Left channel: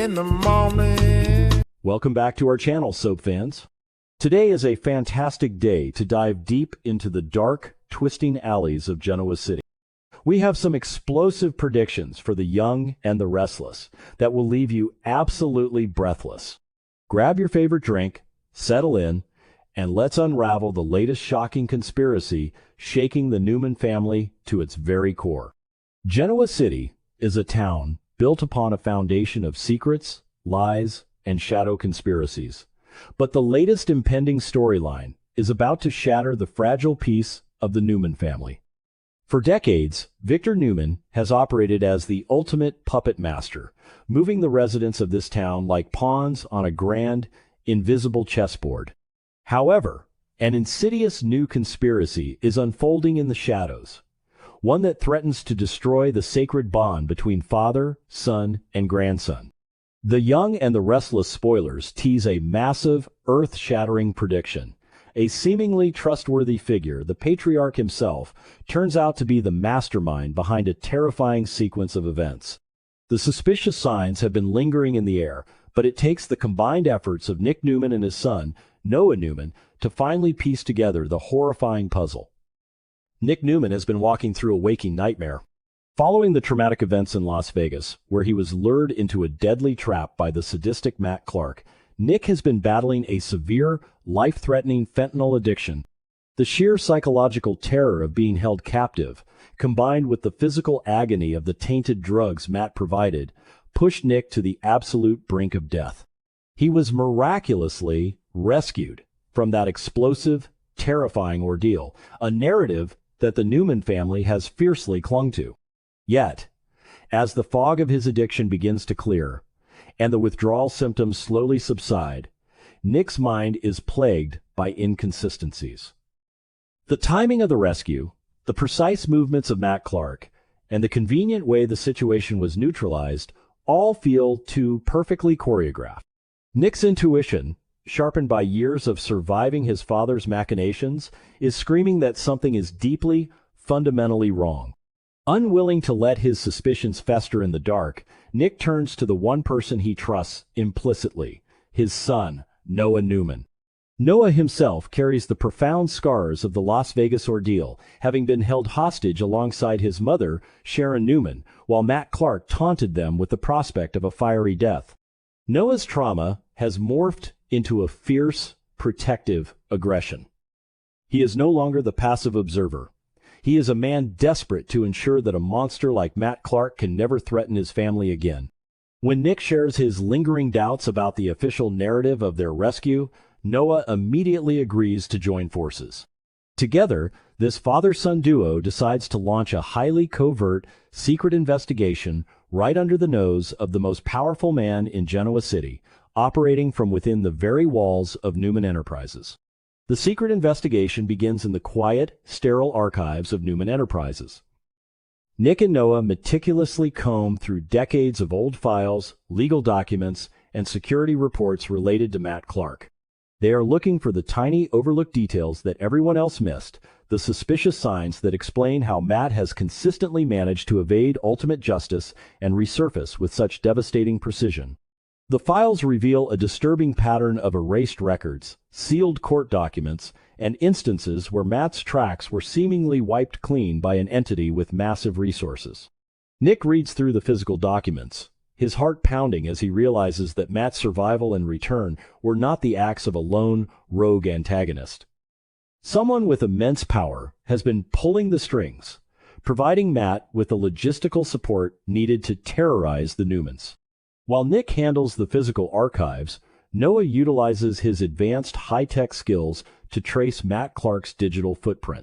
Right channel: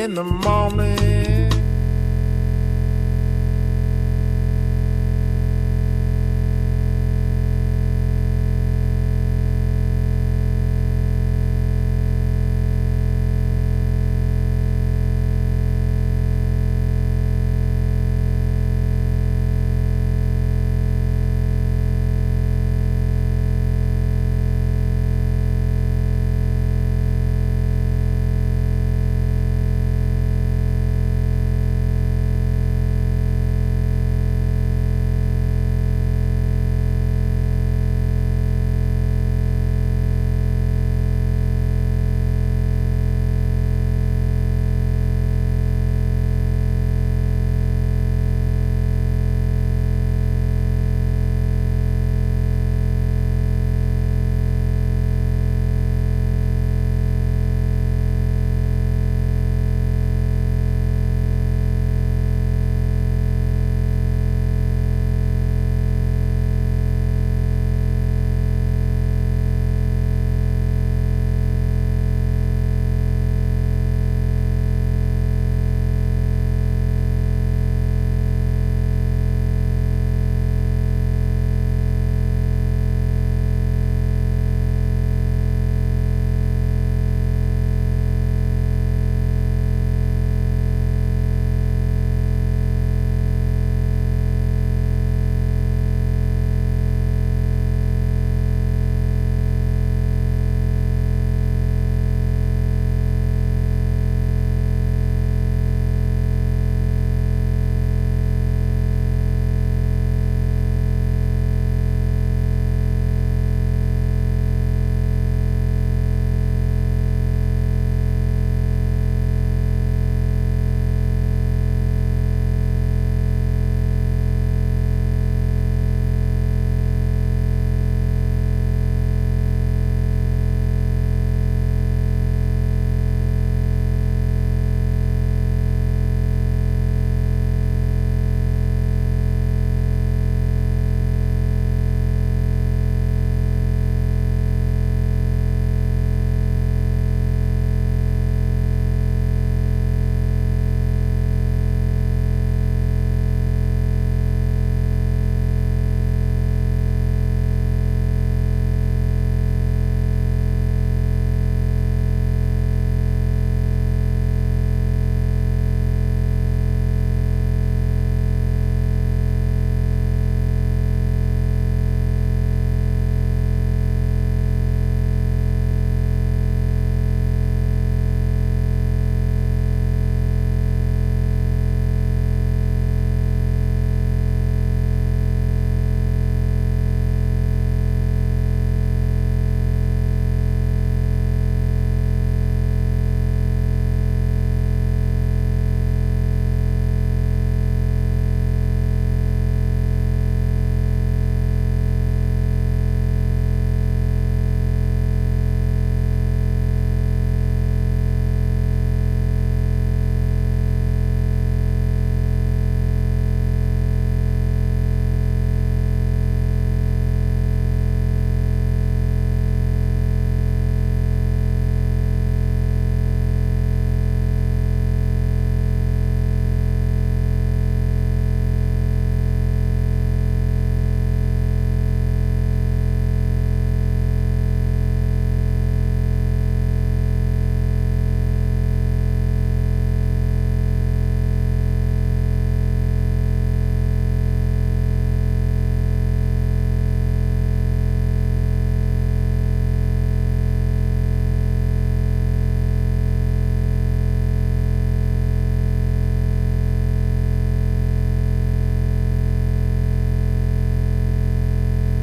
in the morning. Welcome back to our channel, soap fans. Today is a fantastic day to dive deep into the dark, twisting alleys of Genoa City. We have some explosive predictions for the young and the restless that will leave you absolutely breathless. Grab your favorite drink, settle in, and let's unravel the latest shocking conspiracy shaking the Newman family to its very core. Genoa City is a town built upon a foundation of secrets, lies, and shadow conspiracies. But the latest impending storyline is about to shatter the fragile peace of the Newman family. For decades, Victor Newman has operated as the ultimate puppet master, moving the residents of this town like pawns on a grand, invisible chessboard. However, an insidious new conspiracy is unfolding in the shadows, one that threatens to destroy the sacred bond between father, son, and grandson. The Young and the Restless Spoilers tease a massive, earth-shattering prediction. A seemingly trustworthy figure, the patriarch himself, turns out to be the mastermind behind a terrifying sequence of events. The suspicious signs have been lingering in the air, but it takes the combined efforts of Nick Newman and his son, Noah Newman, to finally piece together the horrifying puzzle. Nick Newman has been walking through a waking nightmare. Following the traumatic events in Las Vegas, where he was lured into a deadly trap by the sadistic Matt Clark, Nick has been battling a severe, life-threatening fentanyl addiction. The sheer psychological terror of being held captive, combined with the physical agony of the tainted drugs Matt provided, pushed Nick to the absolute brink of death. He was miraculously rescued from that explosive, terrifying ordeal, a narrative that the Newman family has fiercely clung to. Yet, as the fog of his addiction begins to clear, and the withdrawal symptoms slowly subside, Nick's mind is plagued by inconsistencies. The timing of the rescue, the precise movements of Matt Clark, and the convenient way the situation was neutralized all feel too perfectly choreographed. Nick's intuition, sharpened by years of surviving his father's machinations, is screaming that something is deeply, fundamentally wrong. Unwilling to let his suspicions fester in the dark, Nick turns to the one person he trusts implicitly, his son, Noah Newman. Noah himself carries the profound scars of the Las Vegas ordeal, having been held hostage alongside his mother, Sharon Newman, while Matt Clark taunted them with the prospect of a fiery death. Noah's trauma has morphed into a fierce, protective aggression. He is no longer the passive observer. He is a man desperate to ensure that a monster like Matt Clark can never threaten his family again. When Nick shares his lingering doubts about the official narrative of their rescue, Noah immediately agrees to join forces. Together, this father-son duo decides to launch a highly covert, secret investigation right under the nose of the most powerful man in Genoa City, operating from within the very walls of Newman Enterprises. The secret investigation begins in the quiet, sterile archives of Newman Enterprises. Nick and Noah meticulously comb through decades of old files, legal documents, and security reports related to Matt Clark. They are looking for the tiny, overlooked details that everyone else missed, the suspicious signs that explain how Matt has consistently managed to evade ultimate justice and resurface with such devastating precision. The files reveal a disturbing pattern of erased records, sealed court documents, and instances where Matt's tracks were seemingly wiped clean by an entity with massive resources. Nick reads through the physical documents, his heart pounding as he realizes that Matt's survival and return were not the acts of a lone, rogue antagonist. Someone with immense power has been pulling the strings, providing Matt with the logistical support needed to terrorize the Newmans. While Nick handles the physical archives, Noah utilizes his advanced high-tech skills to trace Matt Clark's digital footprint.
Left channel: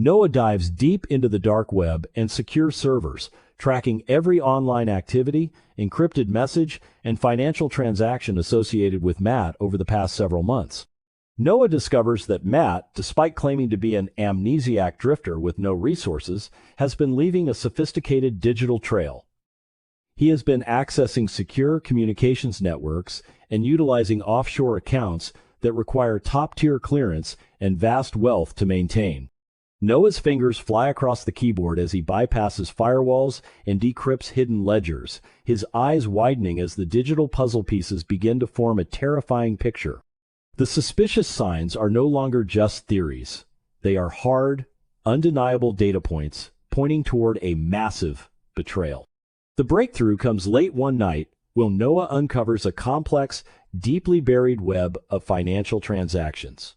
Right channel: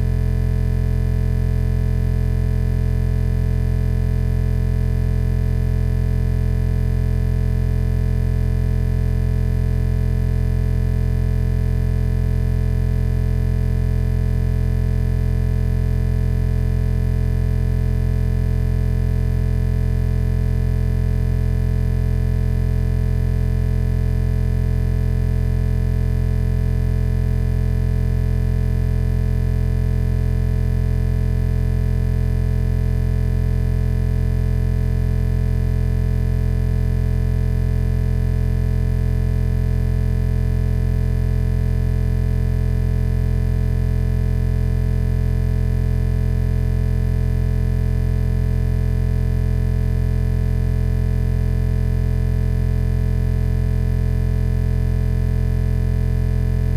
Noah dives deep into the dark web and secure servers, tracking every online activity, encrypted message, and financial transaction associated with Matt over the past several months. Noah discovers that Matt, despite claiming to be an amnesiac drifter with no resources, has been leaving a sophisticated digital trail. He has been accessing secure communications networks and utilizing offshore accounts that require top-tier clearance and vast wealth to maintain. Noah's fingers fly across the keyboard as he bypasses firewalls and decrypts hidden ledgers, his eyes widening as the digital puzzle pieces begin to form a terrifying picture. The suspicious signs are no longer just theories. They are hard, undeniable data points pointing toward a massive betrayal. The breakthrough comes late one night when Noah uncovers a complex, deeply buried web of financial transactions.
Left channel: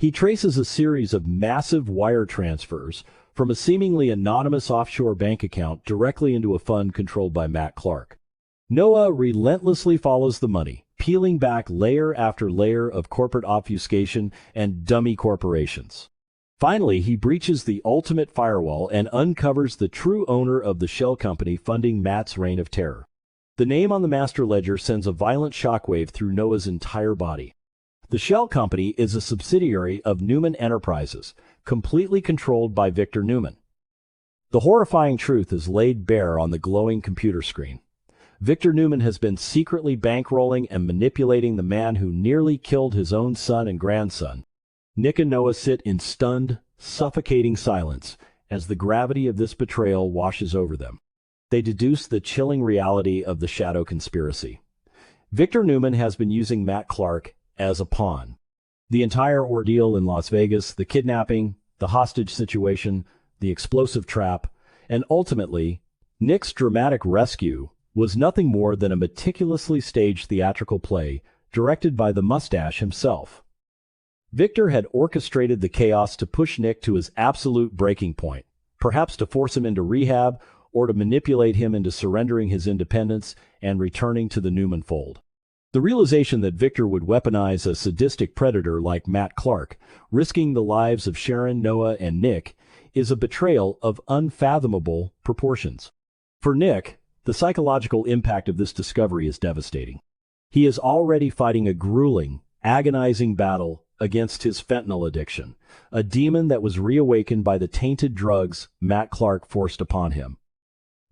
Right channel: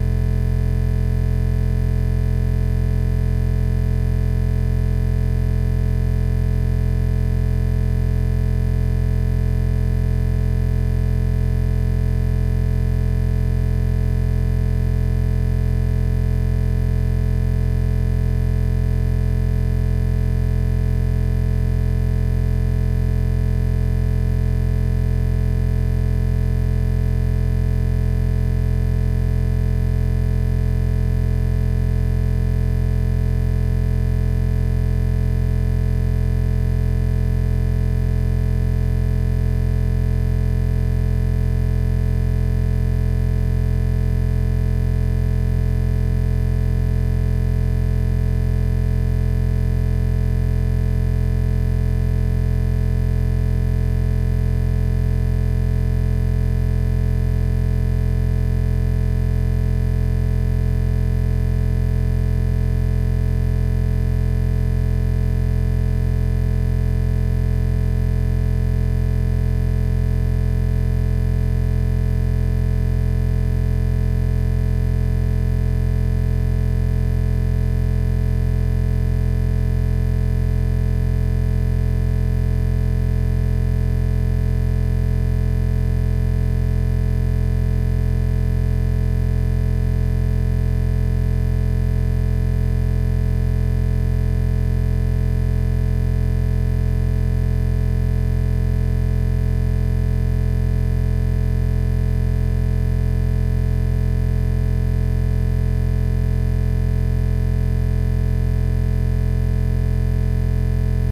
He traces a series of massive wire transfers from a seemingly anonymous offshore bank account directly into a fund controlled by Matt Clark. Noah relentlessly follows the money, peeling back layer after layer of corporate obfuscation and dummy corporations. Finally, he breaches the ultimate firewall and uncovers the true owner of the shell company funding Matt's reign of terror. The name on the master ledger sends a violent shockwave through Noah's entire body. The shell company is a subsidiary of Newman Enterprises, completely controlled by Victor Newman. The horrifying truth is laid bare on the glowing computer screen. Victor Newman has been secretly bankrolling and manipulating the man who nearly killed his own son and grandson. Nick and Noah sit in stunned, suffocating silence as the gravity of this betrayal washes over them. They deduce the chilling reality of the shadow conspiracy. Victor Newman has been using Matt Clark as a pawn. The entire ordeal in Las Vegas, the kidnapping, the hostage situation, the explosive trap, and ultimately, Nick's dramatic rescue was nothing more than a meticulously staged theatrical play directed by the mustache himself. Victor had orchestrated the chaos to push Nick to his absolute breaking point, perhaps to force him into rehab or to manipulate him into surrendering his independence and returning to the Newman fold. The realization that Victor would weaponize a sadistic predator like Matt Clark, risking the lives of Sharon, Noah, and Nick, is a betrayal of unfathomable proportions. For Nick, the psychological impact of this discovery is devastating. He is already fighting a grueling, agonizing battle against his fentanyl addiction, a demon that was reawakened by the tainted drugs Matt Clark forced upon him.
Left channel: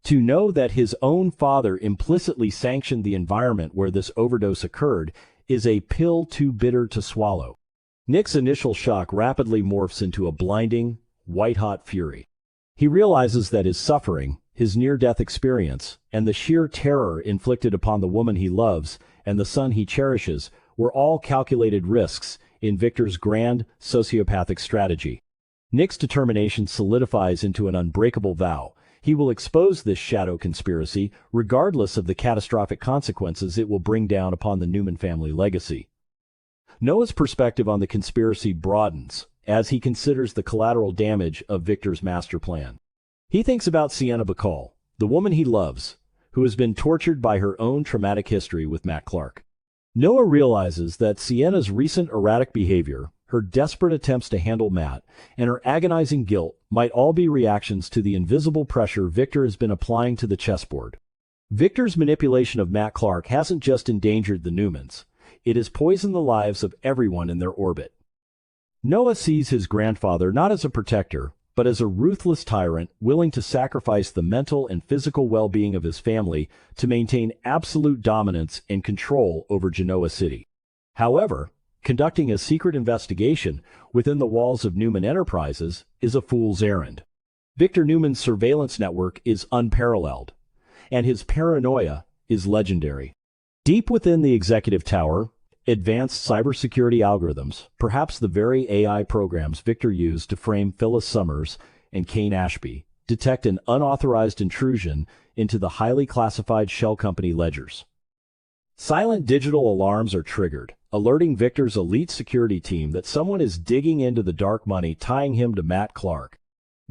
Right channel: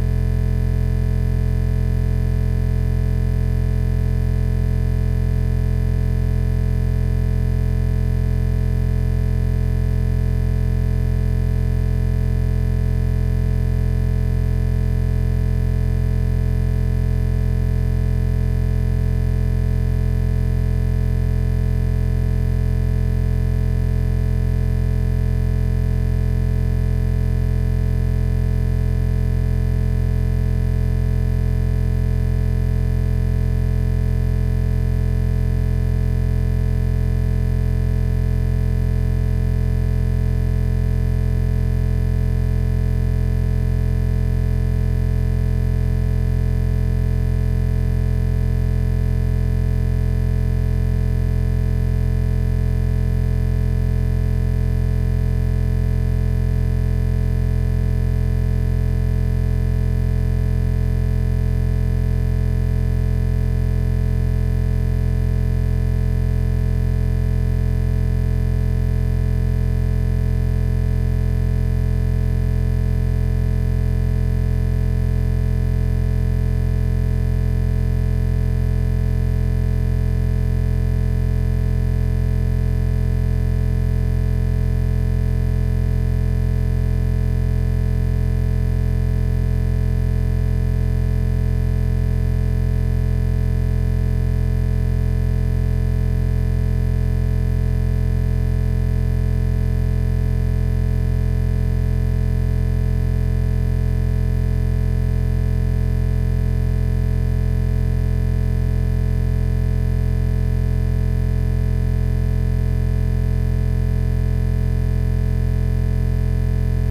To know that his own father implicitly sanctioned the environment where this overdose occurred is a pill too bitter to swallow. Nick's initial shock rapidly morphs into a blinding, white-hot fury. He realizes that his suffering, his near-death experience, and the sheer terror inflicted upon the woman he loves and the son he cherishes were all calculated risks in Victor's grand, sociopathic strategy. Nick's determination solidifies into an unbreakable vow. He will expose this shadow conspiracy, regardless of the catastrophic consequences it will bring down upon the Newman family legacy. Noah's perspective on the conspiracy broadens as he considers the collateral damage of Victor's master plan. He thinks about Sienna Bacall, the woman he loves, who has been tortured by her own traumatic history with Matt Clark. Noah realizes that Sienna's recent erratic behavior, her desperate attempts to handle Matt, and her agonizing guilt might all be reactions to the invisible pressure Victor has been applying to the chessboard. Victor's manipulation of Matt Clark hasn't just endangered the Newmans, it has poisoned the lives of everyone in their orbit. Noah sees his grandfather not as a protector, but as a ruthless tyrant willing to sacrifice the mental and physical well-being of his family to maintain absolute dominance and control over Genoa City. However, conducting a secret investigation within the walls of Newman Enterprises is a fool's errand. Victor Newman's surveillance network is unparalleled, and his paranoia is legendary. Deep within the executive tower, advanced cybersecurity algorithms, perhaps the very AI programs Victor used to frame Phyllis Summers and Kane Ashby, detect an unauthorized intrusion into the highly classified shell company ledgers. Silent digital alarms are triggered, alerting Victor's elite security team that someone is digging into the dark money tying him to Matt Clark.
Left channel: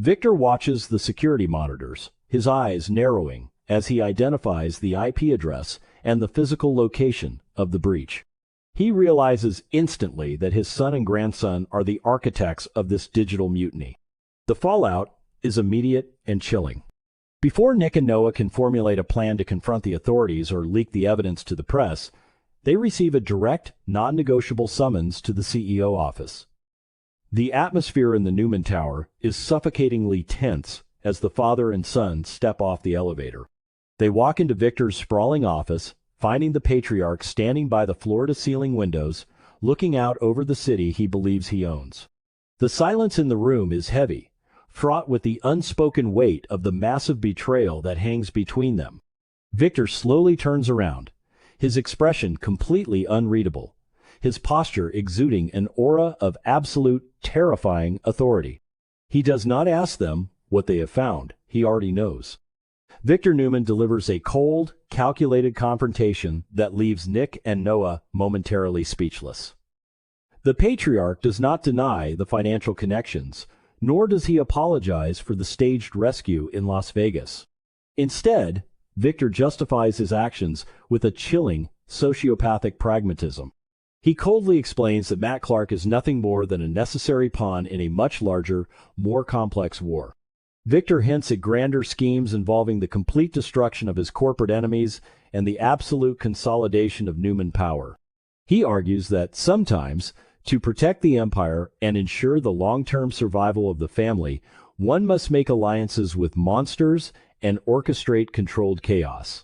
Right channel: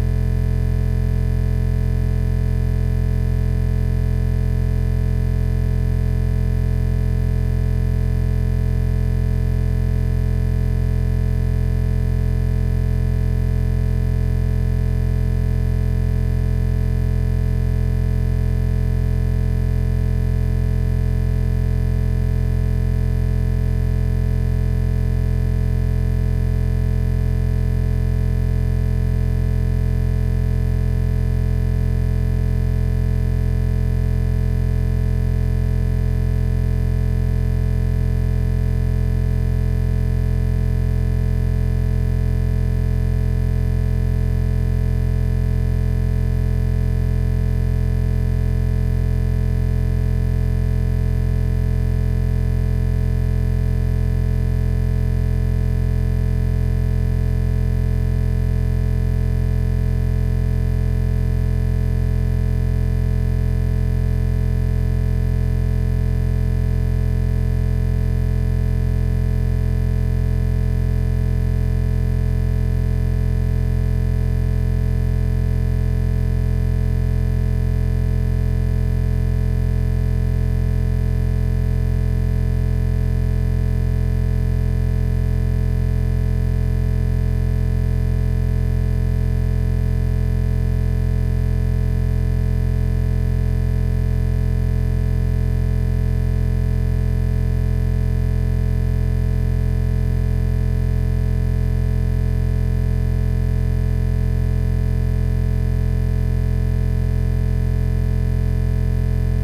Victor watches the security monitors, his eyes narrowing as he identifies the IP address and the physical location of the breach. He realizes instantly that his son and grandson are the architects of this digital mutiny. The fallout is immediate and chilling. Before Nick and Noah can formulate a plan to confront the authorities or leak the evidence to the press, they receive a direct, non-negotiable summons to the CEO office. The atmosphere in the Newman Tower is suffocatingly tense as the father and son step off the elevator. They walk into Victor's sprawling office, finding the patriarch standing by the floor-to-ceiling windows, looking out over the city he believes he owns. The silence in the room is heavy, fraught with the unspoken weight of the massive betrayal that hangs between them. Victor slowly turns around, his expression completely unreadable, his posture exuding an aura of absolute, terrifying authority. He does not ask them what they have found, he already knows. Victor Newman delivers a cold, calculated confrontation that leaves Nick and Noah momentarily speechless. The patriarch does not deny the financial connections, nor does he apologize for the staged rescue in Las Vegas. Instead, Victor justifies his actions with a chilling, sociopathic pragmatism. He coldly explains that Matt Clark is nothing more than a necessary pawn in a much larger, more complex war. Victor hints at grander schemes involving the complete destruction of his corporate enemies and the absolute consolidation of Newman power. He argues that sometimes, to protect the empire and ensure the long-term survival of the family, one must make alliances with monsters and orchestrate controlled chaos.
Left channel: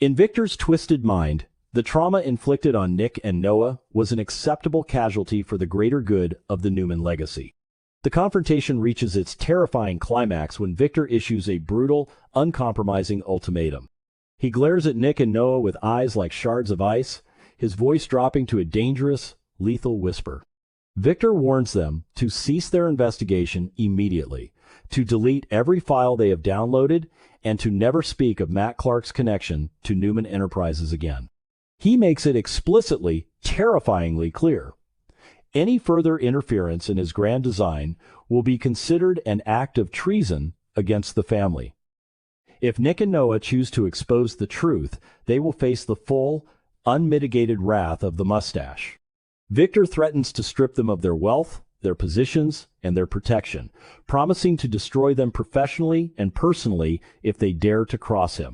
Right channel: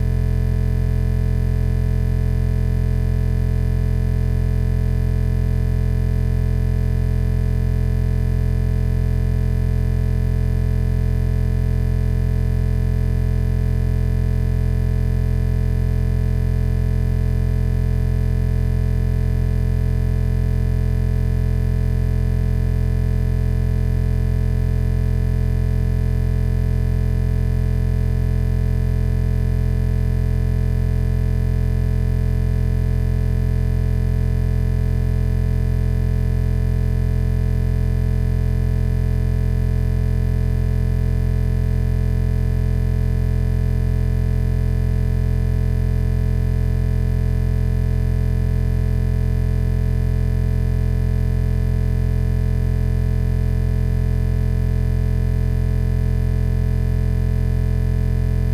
In Victor's twisted mind, the trauma inflicted on Nick and Noah was an acceptable casualty for the greater good of the Newman legacy. The confrontation reaches its terrifying climax when Victor issues a brutal, uncompromising ultimatum. He glares at Nick and Noah with eyes like shards of ice, his voice dropping to a dangerous, lethal whisper. Victor warns them to cease their investigation immediately, to delete every file they have downloaded, and to never speak of Matt Clark's connection to Newman Enterprises again. He makes it explicitly, terrifyingly clear. Any further interference in his grand design will be considered an act of treason against the family. If Nick and Noah choose to expose the truth, they will face the full, unmitigated wrath of the mustache. Victor threatens to strip them of their wealth, their positions, and their protection, promising to destroy them professionally and personally if they dare to cross him.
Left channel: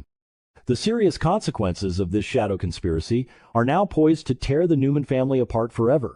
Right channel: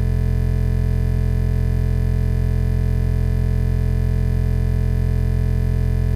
The serious consequences of this shadow conspiracy are now poised to tear the Newman family apart forever.